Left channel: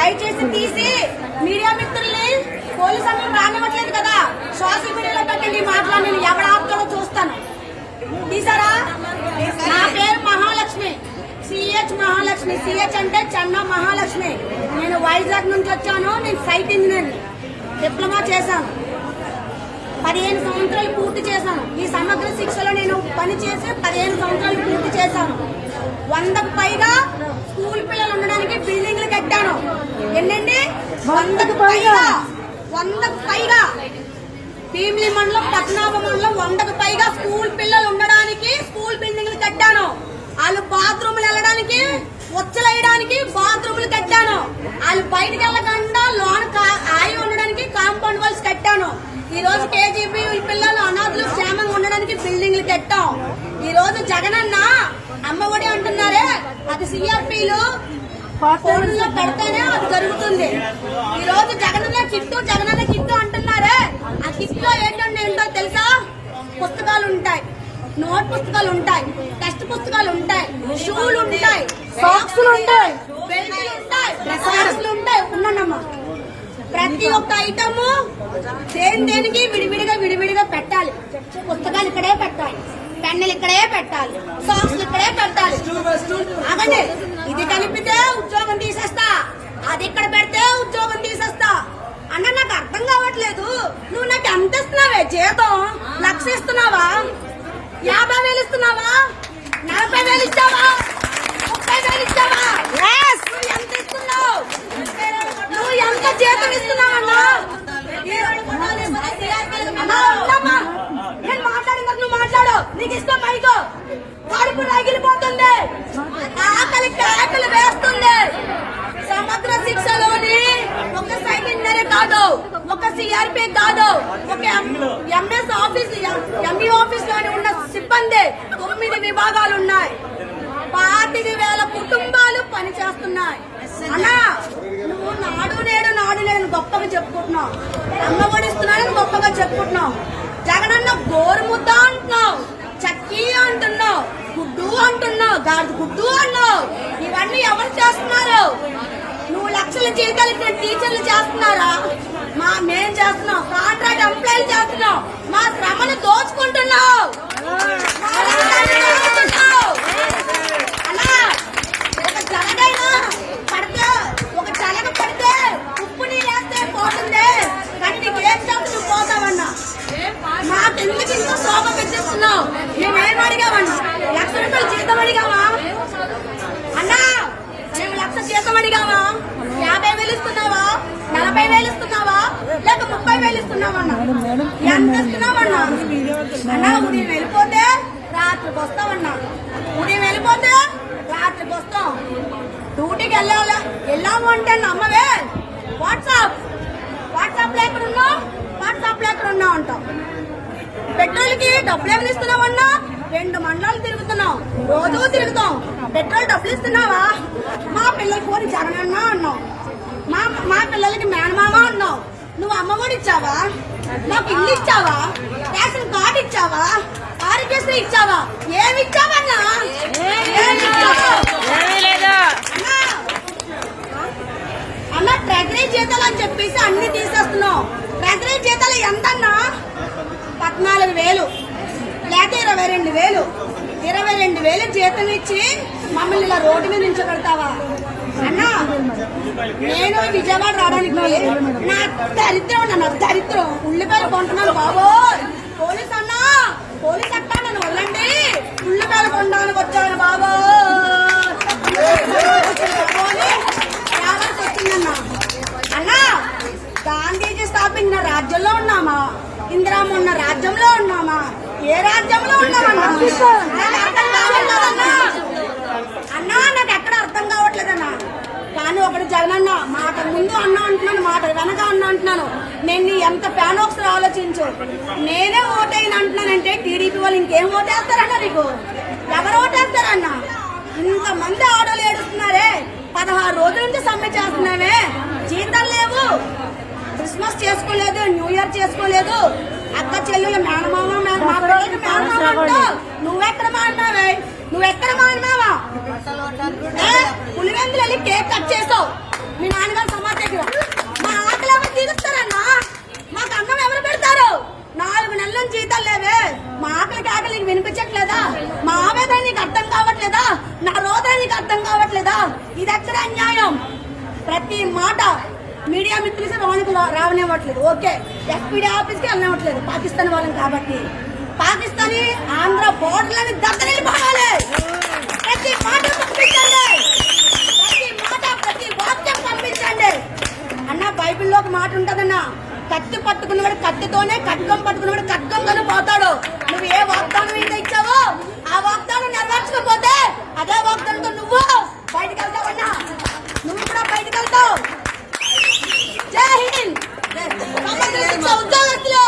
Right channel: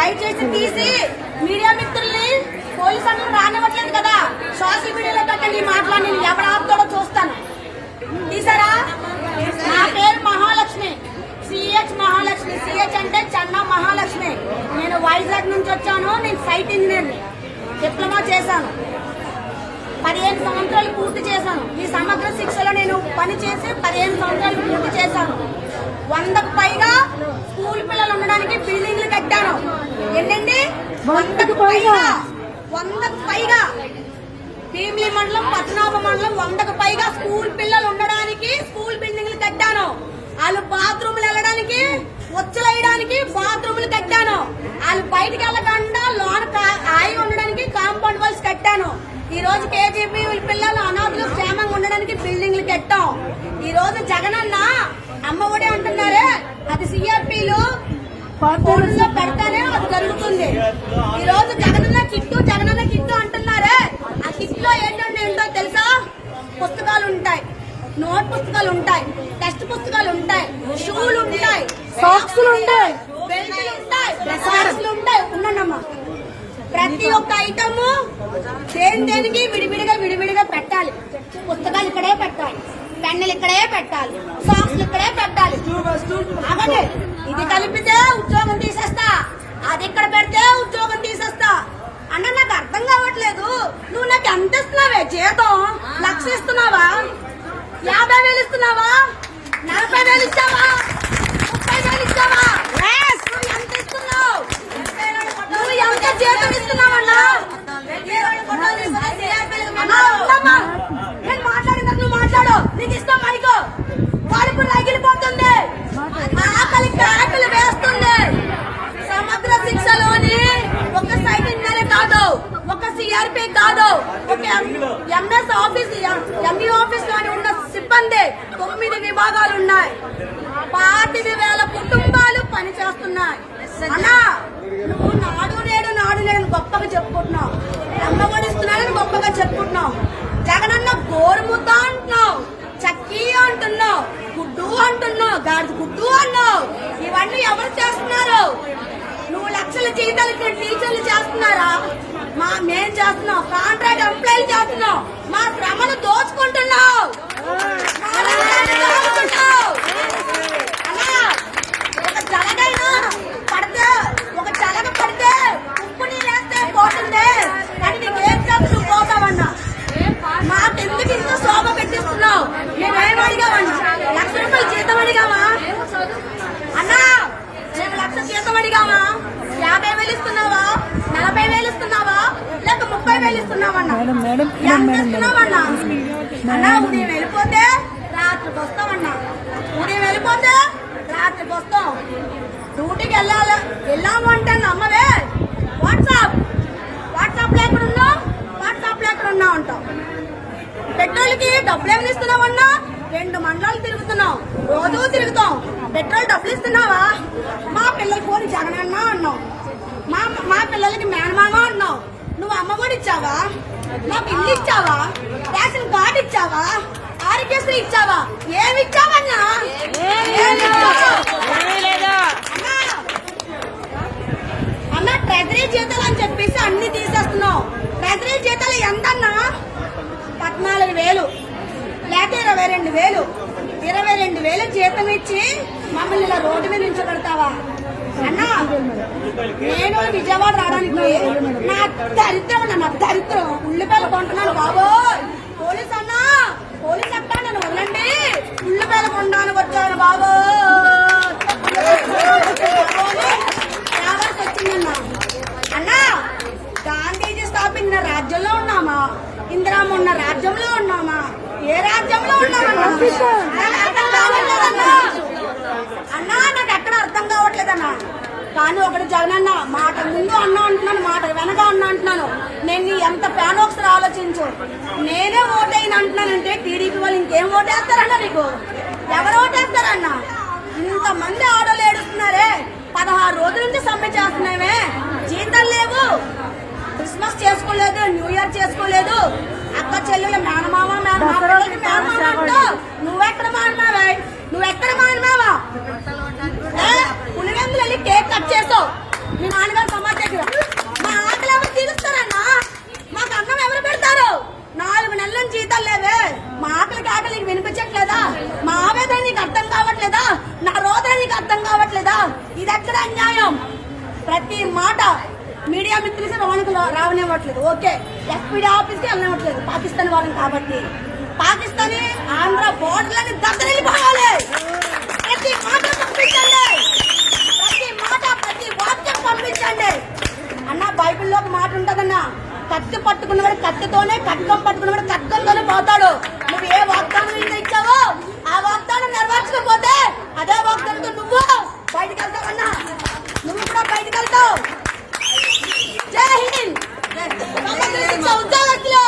దయచేసి తీసి మీడియా మిత్రుల్ని పోలీసు అందరూ రానివ్వట్లేదు కదా. సోషల్ మీడియాలో పెట్టండి మాట్లాడి నేను ఎవడ ఆపుతాడో చూస్తాను. తీసారా? నా పేరు మహాలక్ష్మి. సిహెచ్ మహాలక్ష్మి. సిహెచ్ అంటే చెన్న మహాలక్ష్మి. నేను వైజాగ్ నుంచి వచ్చాను. నేను సైట్ ఇంజనీర్ని డిప్లొమా చేశాను. పదిహేను సంవత్సరాలు పూర్తి చేశాను. ఈ సమగ్ర శిక్షలో నేను పని చేసి పదిహేను సంవత్సరాలు పూర్తి చేశాను. వందకు పైగా స్కూల్ పిల్లలు ఉండడానికి బిల్డింగ్లు కట్టాను. ఎన్నండి? వందకు పైగా. వందకు పైగా. భీమిలి మండలం పద్మనాభ మండలం వందకు పైగా స్కూల్ పిల్లలు ఉండడానికి స్కూల్ బిల్డింగ్లు కట్టాను. వాళ్ళు బాత్రూమ్లు వెళ్ళడానికి వచ్చలేయడానికి బాత్రూమ్లు కట్టాను. వాళ్ళు బయటికి వెళ్ళకుండా లోన్ ఆయి ఉండడానికి కాంపౌండ్ వాల్స్ కట్టాను. ఈ రోజు కేజీబీ పిల్లలు అనాథులు క్షేమంగా ఉండడానికి బిల్డింగ్లు కట్టాం. ఈ రోజు జగనన్న అమ్మ ఒడి అంటున్నారే అది సిఆర్పీలు ఫోన్లో పెడతానే అది జరుగుతుంది. ఈ రోజు జగనన్న కిట్టు జగనన్న కిట్టు అంటున్నారే. ఆ కిట్లో ఏంటంటే ఏంటో తెలుసా? పుస్తకాలు ఉంటాయి. నోట్ పుస్తకాలు ఉంటాయి. టెక్స్ట్ పుస్తకాలు ఉంటాయి. షూలు ఉంటాయి. సాక్స్లు ఉంటాయి. బెల్ట్లు ఉంటాయి. సాక్స్లు ఉంటాయి. ఉన్నానమ్మా. ప్రతి ఒక్క ఐటమ్ దేని దేనికి విడివిడిగా విడివిడిగా పెట్టాలి. పుస్తకాలు ఇక్కడే పెట్టాలి. పెన్నులు ఇక్కడే పెట్టాలి. సాక్స్లు ఇక్కడే పెట్టాలి. ఆగండి. ఇది కలిపితే ఉద్యోగం తీసేస్తా. అది ఇక్కడ పెడితే ఉద్యోగం తీసేస్తా. అన్న నాకు అర్థం కావట్లేదు. నువ్వు నాకు ఎంత ఇస్తున్నావే? జీతం. లక్ష ఇస్తున్నావా? యాభై వేలు ఇస్తున్నావా? నలభై వేలు ఇస్తావా ముప్పై వేలు ఇస్తావా నువ్వు ఎంత ఇస్తున్నావు నువ్వు ఎంత జీతం ఇస్తున్నావన్నా అన్నా, ఉండమ్మా. నేను మాట్లాడిన నువ్వు మాట్లాడు. నీకు ఇష్టం మైకో. కడుపు రగిలిపోతుంది. ఆకలి ఆకలి వేస్తుంది. సమగ్ర శిక్షలోని ఒక సైట్ ఇంజనీర్ కాదు ఒక సిఆర్పి కాదు ఒక ఎంఎస్ ఆఫీస్ ఎంఈ ఆఫీస్లోని ఉన్న సిబ్బంది తొమ్మిది విభాగాలు ఉన్నాయి. పాతిక వేల కుటుంబాలు పనిచేస్తున్నాయి. అన్నా నువ్వు నాడు నేడు నాడు నేడు గొప్పగా చెప్పుకుంటున్నావు. అమ్మ గొప్పగా చెప్పుకుంటున్నావు. గోరుముద్ద అంటున్నావు చక్కీ అంటున్నావు గుడ్డు అంటున్నావు గాడిద గుడ్డు అన్నావు. ఇవన్నీ ఎవరు చేస్తున్నారు? నువ్వు లక్షల జీతాలు ఇచ్చే టీచర్లు చేస్తున్నారా? మా మేం చేస్తున్నాం కాంట్రాక్ట్ ఎంప్లాయీలు చేస్తున్నాం. మా శ్రమను దోచుకుంటున్నాం యాభై వేలు ఇస్తున్నావా? నలభై వేలు ఇస్తున్నావా? లేక ముప్పై వేలు ఇస్తున్నావన్నా? ఎంత ఇస్తున్నావన్నా? అన్నా ఉదయం వెళ్ళిపోతే రాత్రికి వస్తామన్నా ఉదయం వెళ్ళిపోతే రాత్రికి వస్తాం డ్యూటీకి వెళ్ళాలి? వెళ్ళాము అంటే అమ్మవే. వాట్సాప్. వాట్సాప్లో ఎక్కడ ఉన్నావు? వాట్సాప్లో ఎక్కడ ఉన్నావు అంటాం పెట్రోల్కి డబ్బులు ఏమి ఇస్తున్నావన్నా? రెండు మండలాలు తిరుగుతున్నాం రోజు తిరుగుతాం. పెట్రోల్ డబ్బులు ఇస్తున్నావా? మా పిల్లలకి పోని జగనన్న అన్నావు. మా మా పిల్లలకి మేనమామ అన్నావు నువ్వు అమ్మఒడి ఇచ్చావా? మాకు ఇల్లు ఇచ్చావా? రేషన్ కార్డు ఇచ్చావా? ఆరోగ్యశ్రీ ఇచ్చావా? ఏమి ఇచ్చావన్నా అన్న? ట్రెజరీ జీతాలు అని చెప్పేసి అన్ని తీసేస్తున్నావు. ట్రెజరీ జీతాలు ఎంతన్నా? పద్నాలుగు వేలు. లేక ఇరవై రెండు వేలు. ఇరవై రెండు వేలు జీతం ఇచ్చి మమ్మల్ని ఇలా రోడ్డు మీద నిల్చోబెడతావా? అన్నా నేను విజయవాడ రావడానికి నా దరిద్రం అన్న, నా దరిద్రం. ఉల్లిపాయలు కొంటున్నాను బాబోయ్. పోలీస్ అన్నా పోలీస్ అక్క నన్ను వదలండి. ఉల్లిపాయలు కొనడానికి వచ్చాను బాబోయ్. రావాల్సి వచ్చిందన్నా. అన్నా గాంధీజీ స్థాపించిన రాజ్యంలో ఉన్నామా? ఇందిరామ ఉన్న రాజ్యంలో ఉన్నామా? ఏ రాజ్యంలో ఉన్నామన్నా? అన్నా అర్థం కావట్లేదన్నా. కానీ ఒకటి జగనన్న మాట ముందు అన్నా అంటున్నాను మాట వెనక అన్నా అంటున్నాను. నేను నీ ఎంత ఫ్యాన్ ఒకసారి ఆలోచించు. నేనే ఓటైన అంటున్నానంటే టీడీపీ వాళ్ళు ఇంకేం ఓటేస్తారన్నా నీకు? ఎవరు ఓటేస్తారన్నా? ఇంతమంది ఆడోళ్ళు ఏడుస్తున్నారే. పదహారు రోజుల నుంచి సమ్మె చేస్తున్నామే జీతాలు లేవు. క్రిస్మస్ చేసుకోలేదు న్యూ ఇయర్ చేసుకోలేదు. అక్క చెల్లెలు మేనమామ కేక్ కట్ చేస్తావు. మీ నాన్నగారు సమాచారం మా ఆకలి ఎవరు తీరుస్తారన్నా? మాకు అన్నం ఎవరు పెడతారు? నాలుగు నెలల నుంచి జీతాలు లేవే. మా ఆకలి ఆకలి నీకు వినిపించట్లేదా? మా ఆవేదన నీకు అర్థం కావట్లేదా? నా రోదన నీకు అర్థం కావట్లేదా? ఇది ఎక్కడ అన్యాయం? ప్రతి మాట మీడియా మిత్రులకి రావడానికి రావనివ్వట్లేదు. ఓకే. ఎస్పీడీ ఆఫీస్కి వెళ్ళనివ్వట్లేదు. పాకిస్తాన్ వాళ్ళని కాబట్టి. పాకిస్తానీ ఆంధ్ర బోర్డర్లని దద్దరిల్లిపోవాలి. కత్తితోనే కట్కం పట్టుకున్నవాడు కట్కంతోనే పోతాడు. నువ్వు ఏ వాగ్దానం మీద ఇచ్చావో ఆ వాగ్దానం నెరవేర్చకపోతే అదే వాగ్దానంతో నువ్వు బయటకు వెళ్తావన్నా నువ్వు కూడా బయటకు వెళ్తావు. ఉద్యోగస్తులు.